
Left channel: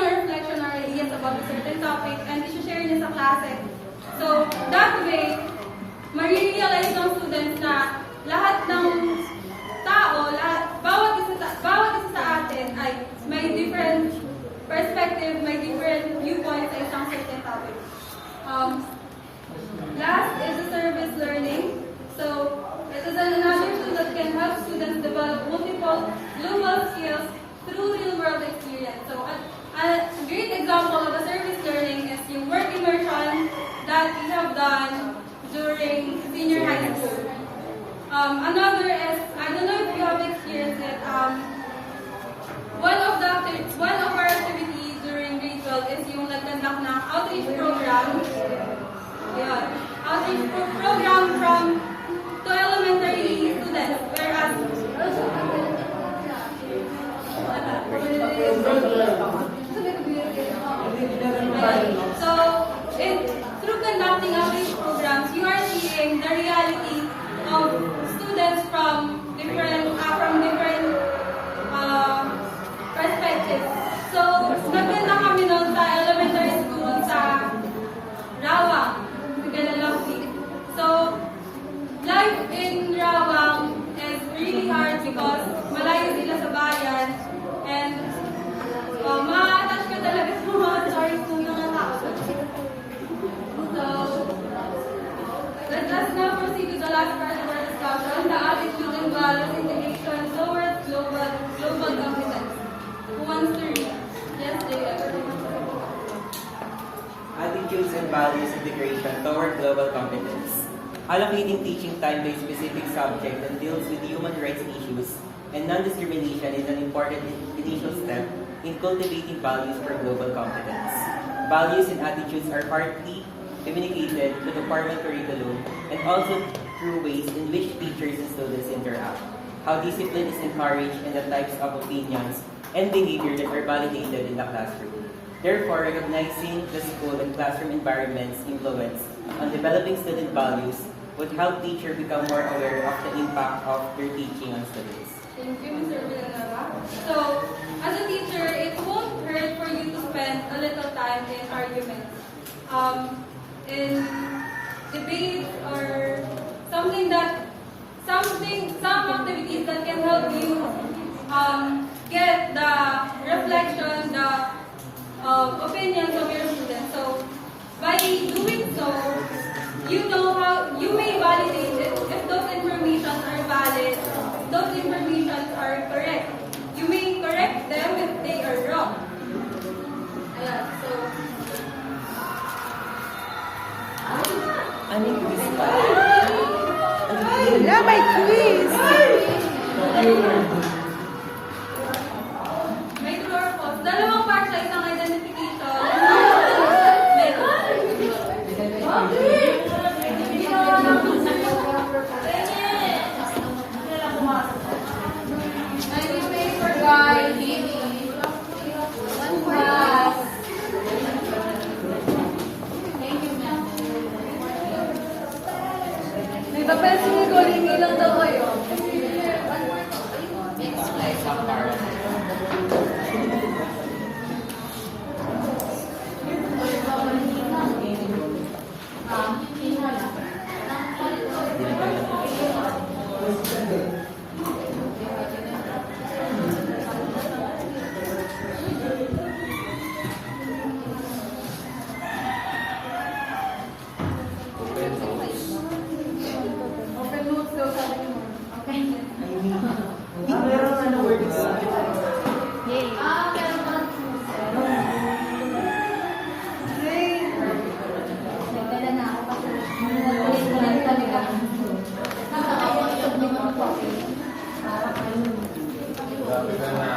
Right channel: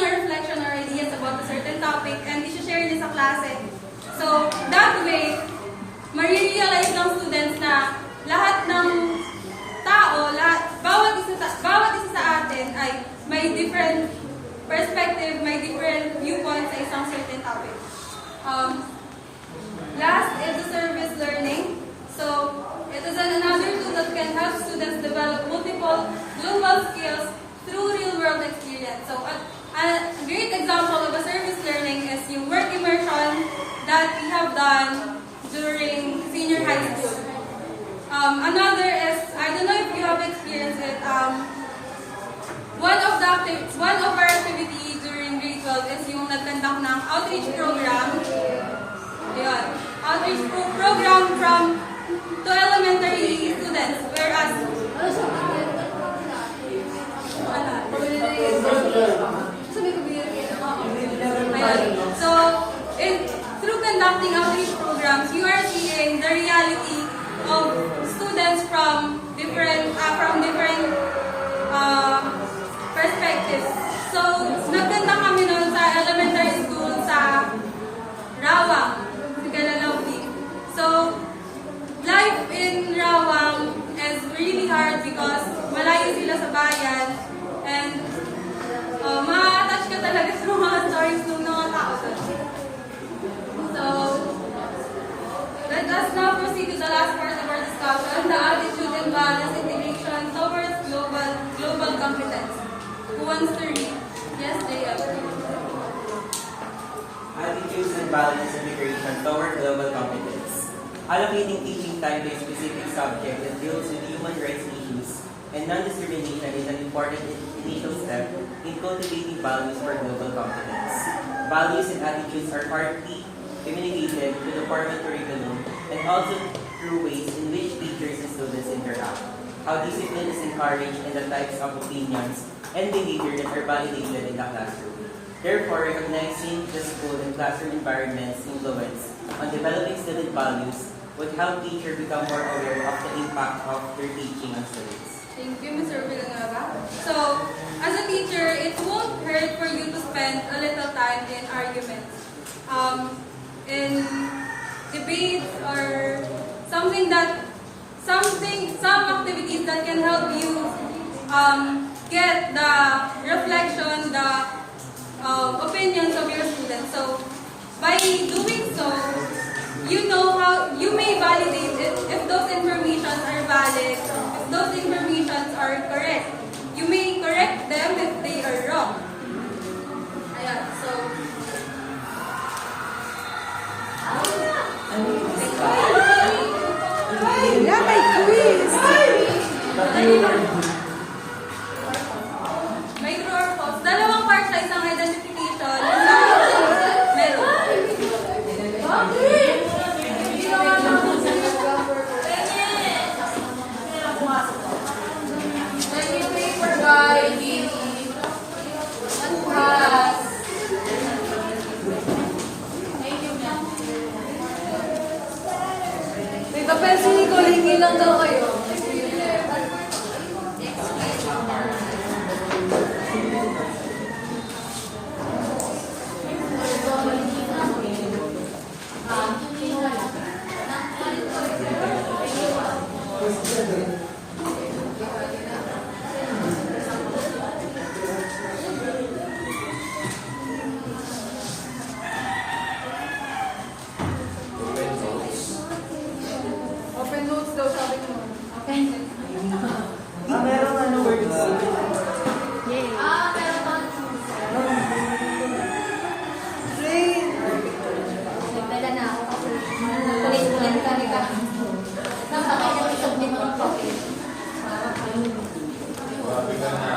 reflection or ideas about a certain topic and i-share niya sa klase. So, that way, marirealize ng students na lahat ng tao, bawat isa sa atin ay may different perspective, may different viewpoint sa isang certain topic. Last is the service learning. So, it is another tool that can help students develop multiple global skills through real-world experience. So, a great example of a service learning is yung work immersion that we have done during senior high school. Another is, I don't know if you have experienced it, one of our activities during grade 12 is yung nag-conduct ng outreach program. Ayun. Outreach program to elementary students, whereas so through conducting outreach programs, you are seeing the reality of students from different perspectives. So, nagkanta kami noon sa elementary school sa Rawang, sa Galalawti. So, life in Rawang is really hard because malayo sila sa bayan and ma-attach ka talaga sa mga stories ng mga tao doon. So, let us now proceed to the last part of our discussion, the attitude and values integration towards global competence. Who wants to read? Yes, Jaya. Attitudes and values integration toward global competence. Allocating teaching time to a specific subject that deals with human rights issues and non-discrimination is an important initial step in cultivating values for global competence. Values and attitudes are partly communicated to the formal curriculum and also through ways in which teachers and students interact, how discipline is encouraged, and the types of opinions and behavior that are validated in the classroom. Therefore, recognizing the school and classroom environment's influence on developing student values would help teachers become more aware of the impact of their teaching on students. Thank you, Mr. Villanueva. So, as a teacher, it won't hurt for you to spend a little time in arguments, in debates, or some activities that can help you get the reflection, the opinions of your students. So by doing so, you know how you may validate it if those informations are valid, if those informations are correct. You may correct them if they are wrong. Ayan, so Yeah, may quiz! may true or false. Dalawang part sa isang identification. Isang meron. Paper, guys. Pass. Thank you, ma'am. Dito, pencil ni Colingi lang daw kayo. Open notes daw sabi mo. Merong ano word Yay! Nagdala na ako kasi kulit-kulit talaga. Nakakasubmit ng copy. Grabe ka na.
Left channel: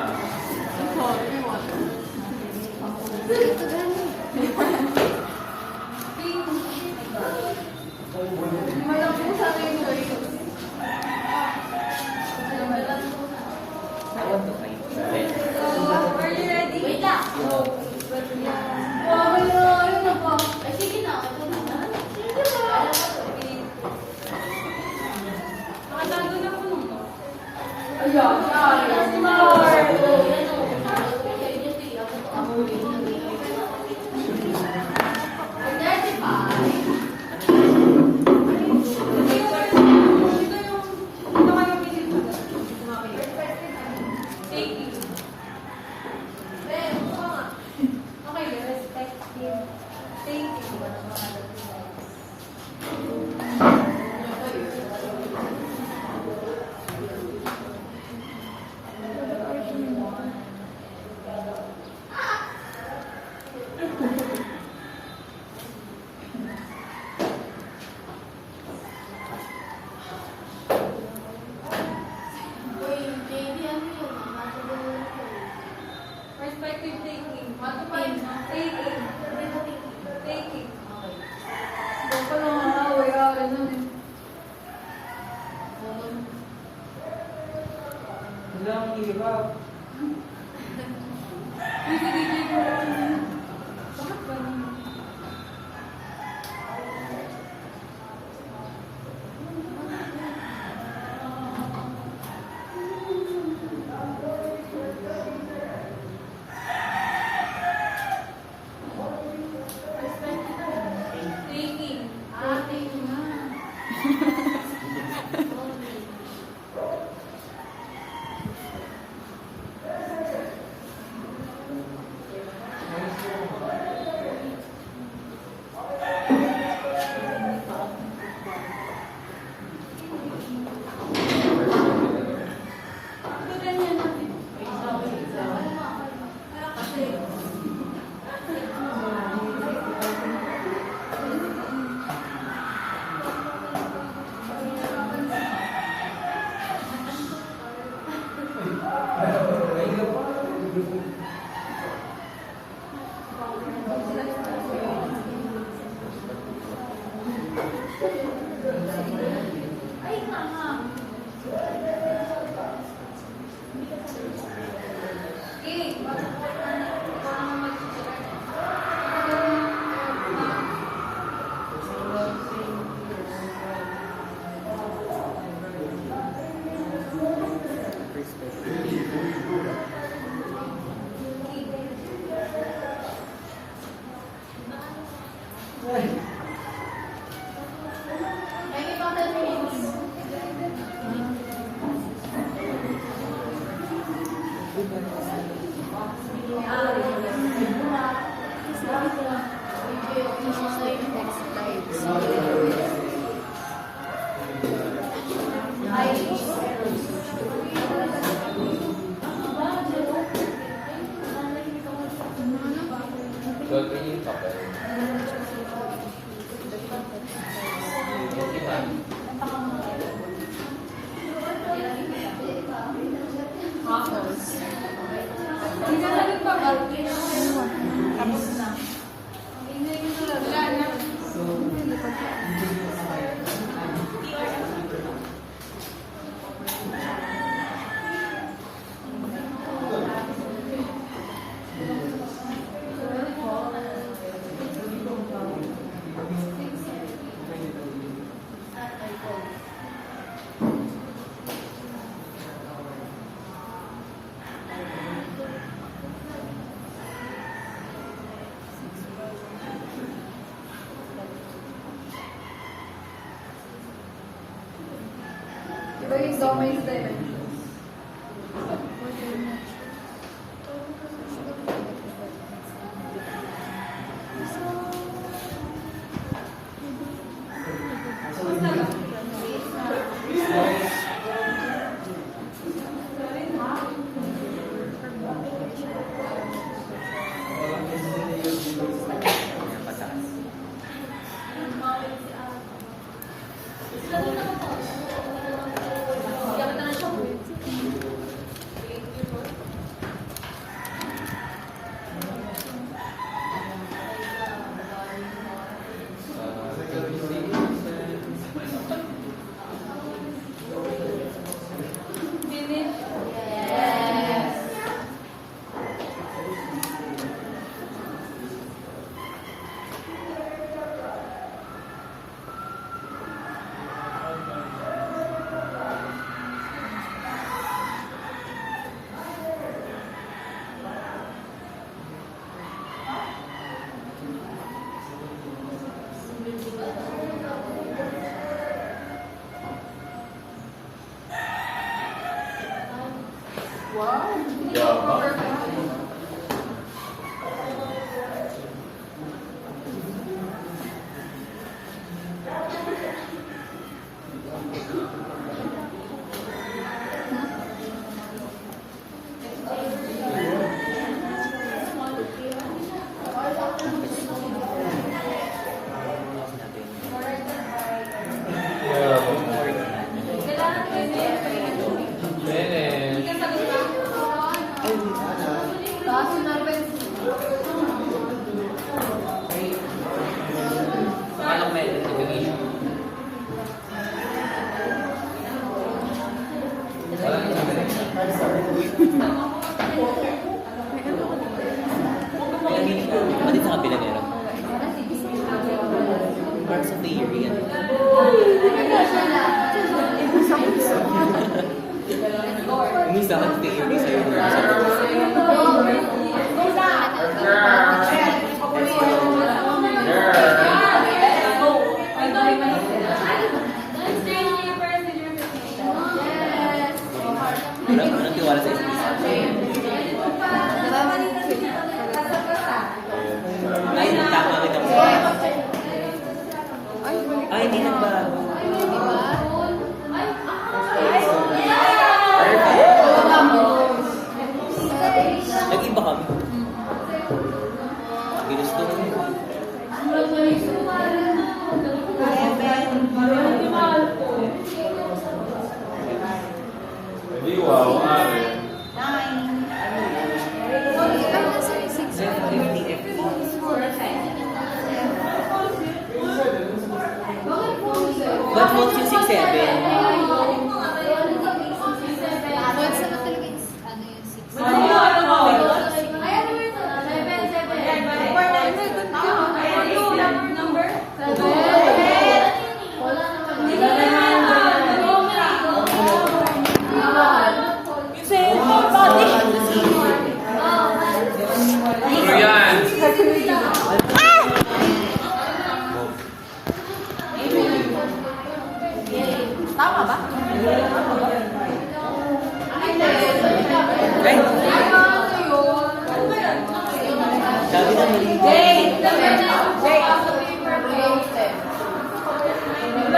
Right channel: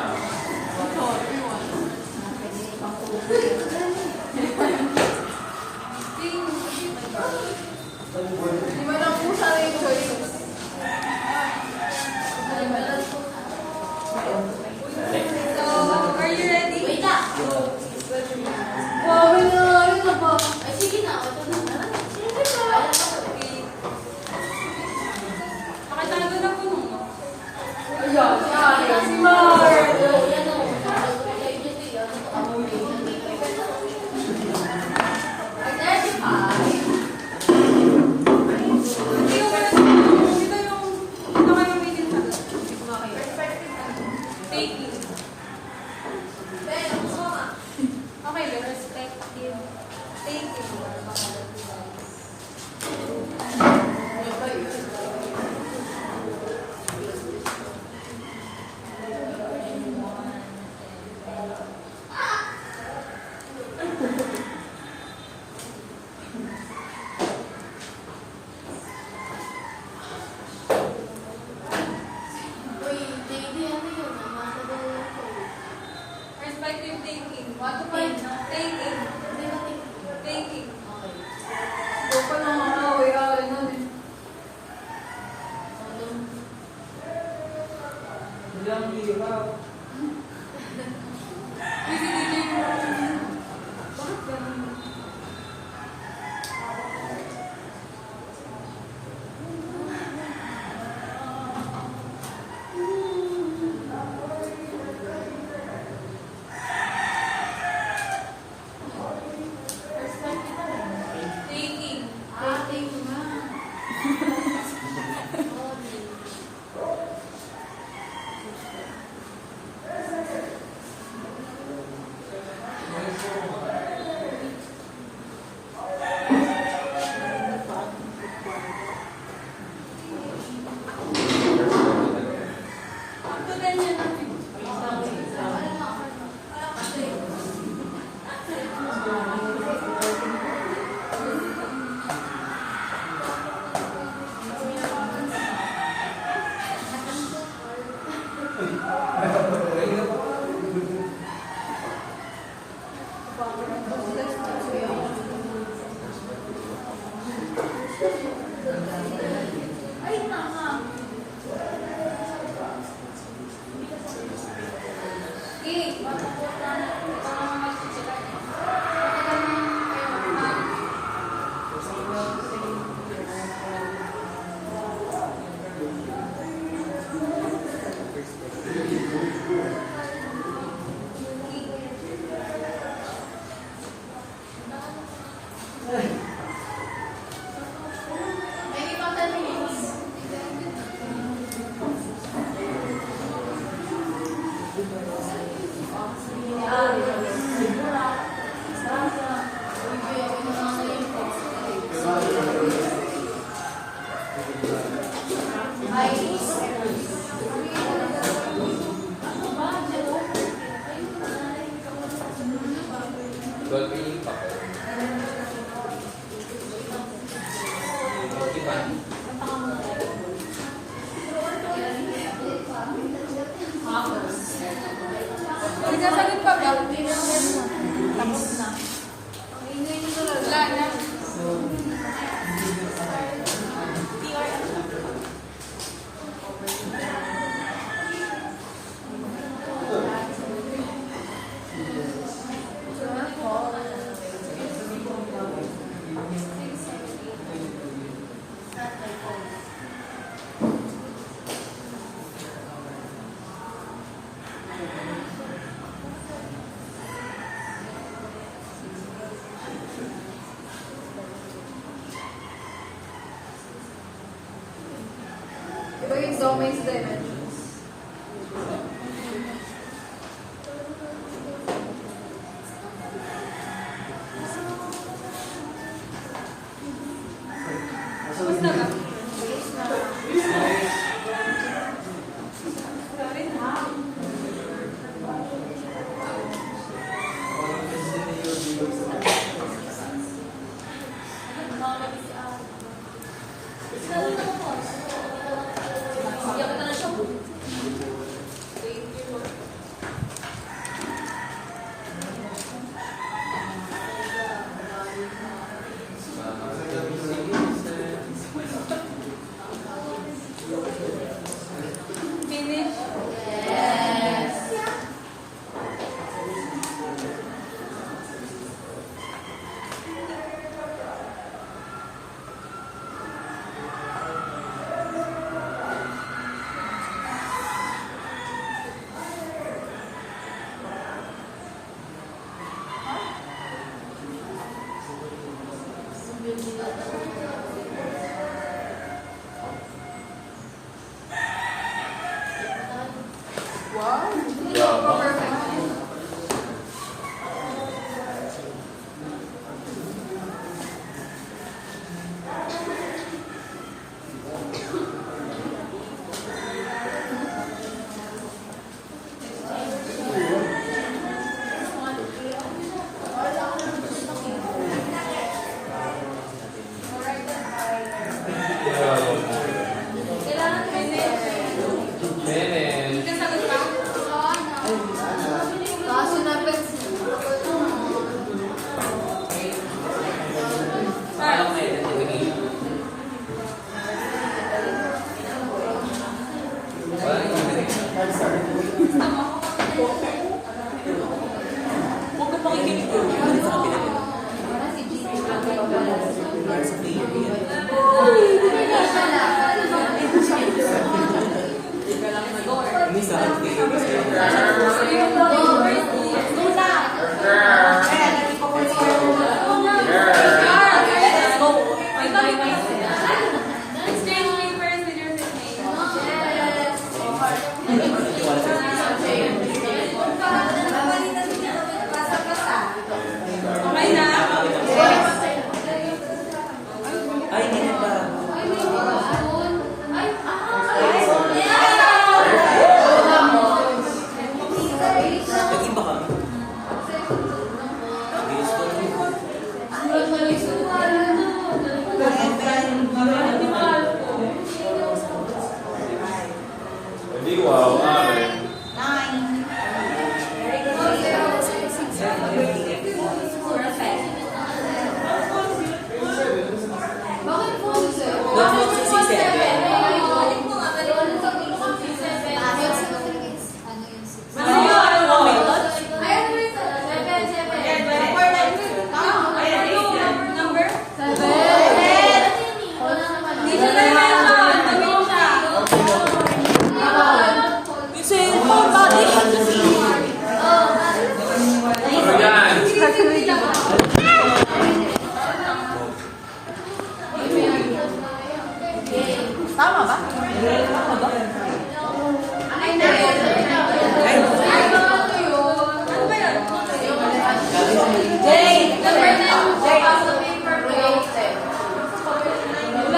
So, are you ready? Wait lang. Wow, Ay, sige na. Ito na. Okay. Pakita na doon ako nung. Taking. Okay, perspective. Taking. Perspective taking. Taking. Taking. Hindi ang hirap. Taking. Ito yung domains dimensions. Basta ba? Finish? Kailangan finish. Finish. Kasagot pa? Paso na pencil. Parang may identification. Ano sa kapila nila? Para sa player yan. Ini sa kapila. Screenwavers with your name. Anong tiwala sa isa? Okay na? Ay, hindi na ba? Nag-iba kami. Ginusto na mo. Hindi, wow.